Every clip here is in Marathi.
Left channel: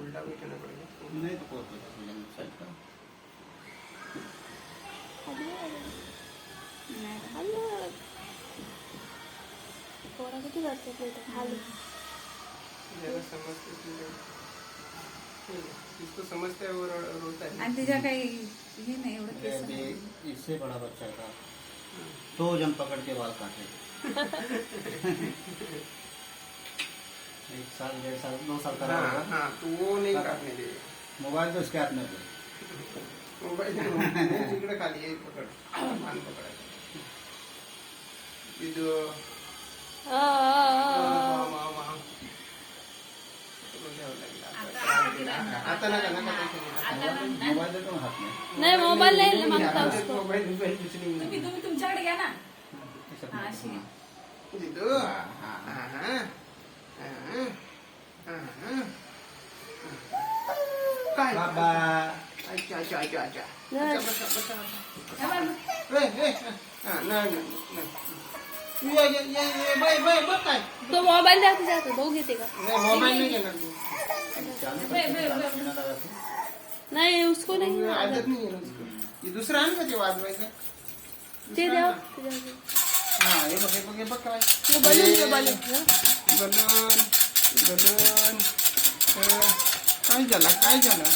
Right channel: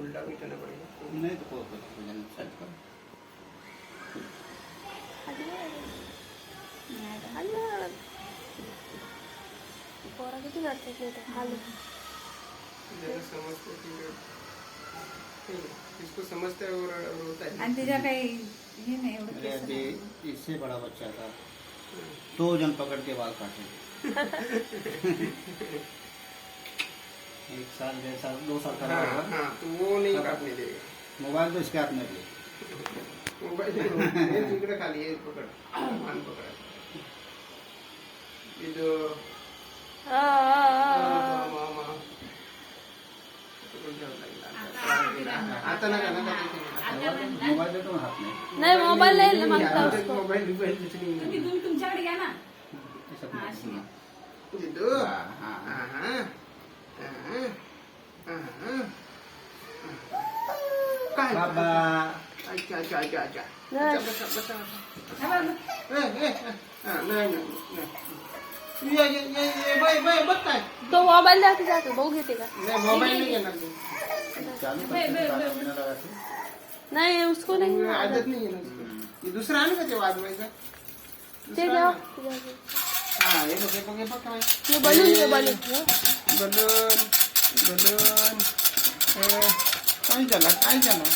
उल्टा भी करना पड़ेगा। नहीं तो कोई साइड कर पोरा किती करते खाली समजते इसको समझते है और रोता है। आणि तिच्या काही हे नाही एवढं मेरे केस अभी नाही. इससे बड़ा बच्चा था 2 जन पकड़ के बाल काटे 1 साल 1.5 साल 2 साल का हाँ होगा। हाँ तो वो नहीं काटने देगा। मोबाइल तो इसके हाथ में भी मोबाइल जिकडे खाली आहे पकड कान पकड ये जो आता नका नका मोबाइल देतो ना हाथ में नाही मोबाईल नाही मागता उसको मोबाईल कुछ नहीं तुम्ही तुमच्याकडे घ्या ना. ऐसा हाँ, कुछ नहीं। जिद्दू हाँ, हाँ, हाँ। काय बाबा अच्छा अच्छा अच्छा अच्छा नाही. बसा बसा नाही ये बाय बाय बघ काय तो मोबाईल जाते जाते भाऊ घेते का नाही मोबाईल नाही घेणार तू चालू करके गाना पीना लगा के नाही उसको नहीं आदत नाही आहे ना उसको. ये दुसरा आहे ना ते वाजवायचा ते द्या हा हे बघ हे बघ काय वो बलून ये बलून बलून बलून काय झाला काय झाला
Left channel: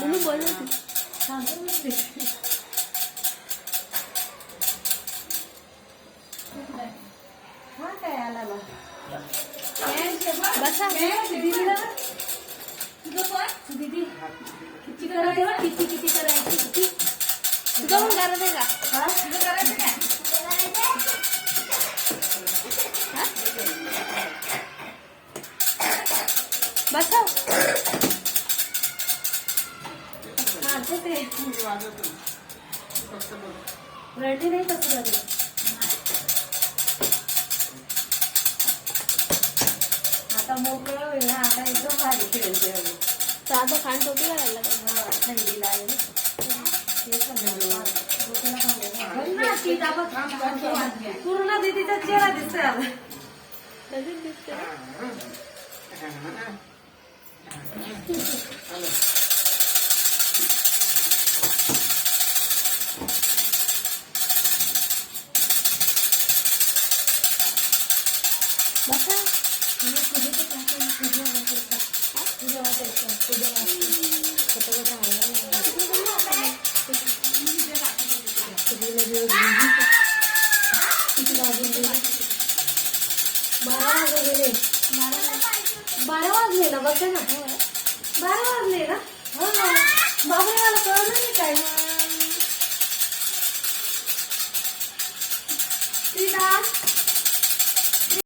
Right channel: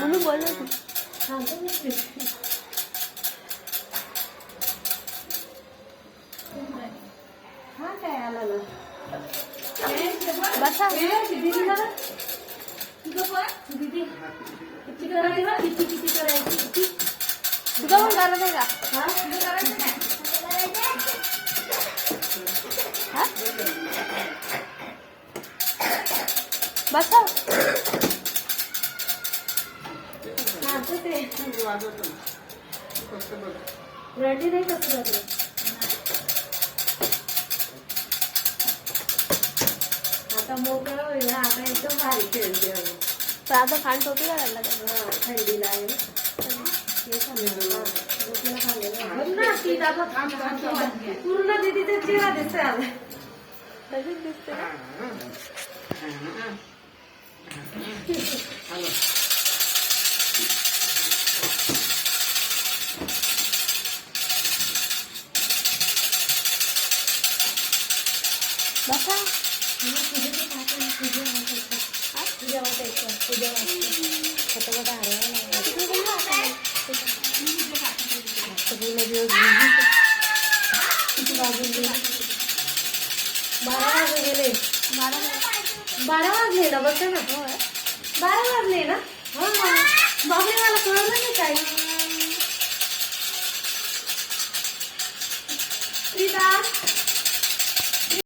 म्हणून बोल ना तू हा काय आला ना. बसा दीदीला ना. दीदी किती करायची ना? किती करायची? तुझा पण करत आहे का हा? किती करायचं काय? हा? बसा हा, तेच आहे. वाजवतो फक्त बघ रडली नाही कसं रडली? आता मोकळं होईल ना. आता एकदम भारी खेळते अगं. पण आता खांड होती का त्याला हा, थंडीला आहे. हे सांगितलं. डोक्याला खाल्लेलं. बघ ना, ती दाबा पूर्ण दीदीचा चेहरा दिसतोय आता. तशीच दिसते ना बसा फटाफट हरवायला किती वाजून गेले? 12 वाजून गेले. 12 वाजले ना. बघा ना. 12 वाजले ना. हा बाबरे मला कळलं नाही काय. सीता